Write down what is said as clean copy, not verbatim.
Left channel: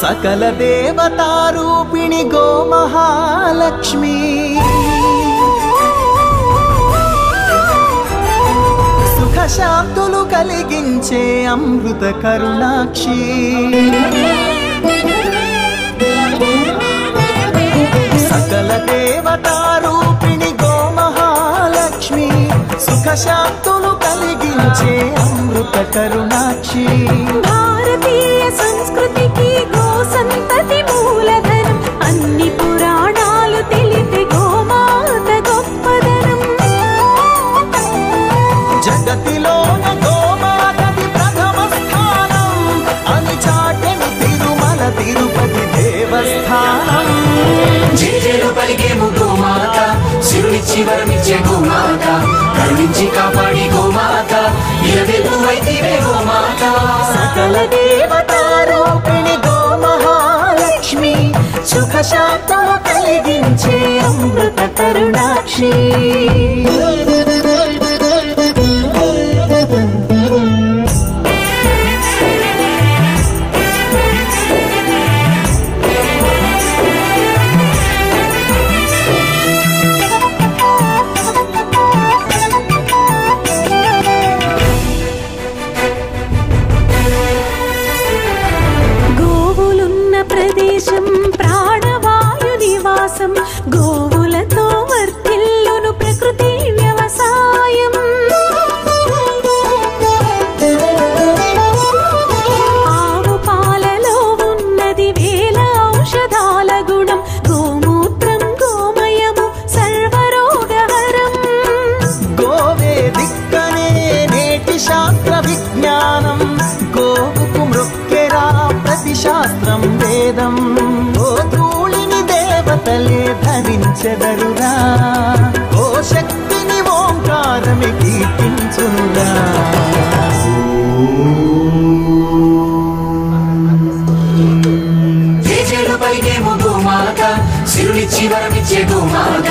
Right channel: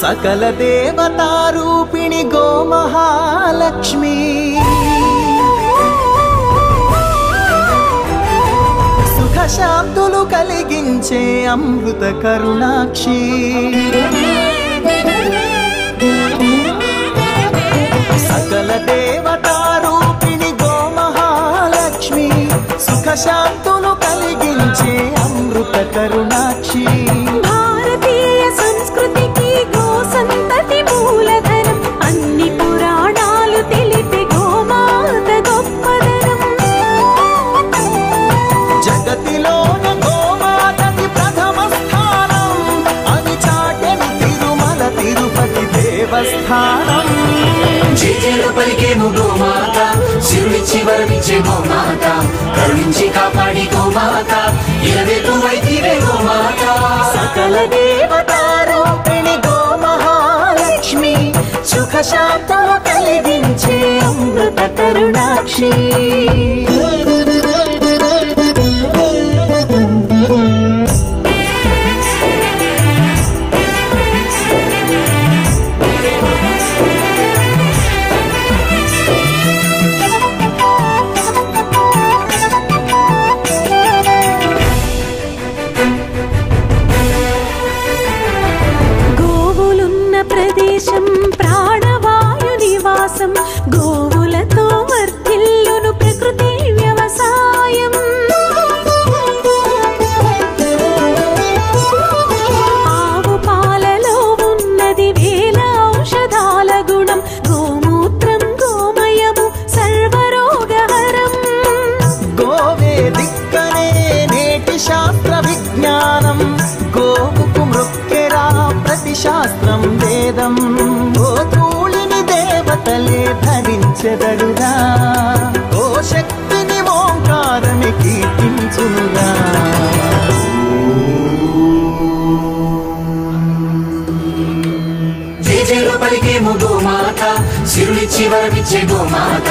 सकल देवतारूपिणी गो महालक्ष्मी सुख शांतुलु कलिगिंचे अमृत करुणाक्षी सकल देवतारूपिणी गो महालक्ष्मी सुख शांतुलु कलिगिंचे अमृत करुणाक्षी भारतीय संस्कृति की गो संतति मूलधनम अन्नी पुराणालु तेलिपे गोमात गोप्पदनम जगतिलोन गोमातदि प्रथम स्थानम अनि चाटेनु तिरुमल तिरुपति देवस्थानम జేజేలు పలికేము గోమాత సిరులిచ్చి వరమిచ్చే గోమాత కరుణించి కాపాడి గోమాత ఇలవెల్లువైతివే గోమాత सकल देवतारूपिणी गो महालक्ष्मी सुख शांतुलु कलिगिंचे अमृत करुणाक्षी గోవులున్న ప్రదేశం ప్రాణవాయు నివాసం గోవులతో వర్ధిల్లును ప్రకృతి వ్యవసాయం ఆవు పాలలో ఉన్నది వేల ఔషధాల గుణం గోమూత్రం గోమయము సర్వరోగహరం గోవే దిక్కనే నేటి శాస్త్ర విజ్ఞానం గోవుకు మృక్కెరా ప్రతి శాస్త్రం వేదం గోధూళిని దేవతలే ధరించెదరురా గోశక్తిని ఓంకారమి కీర్తించునురా జేజేలు పలికేము గోమాత సిరులిచ్చి వరమిచ్చే గోమాత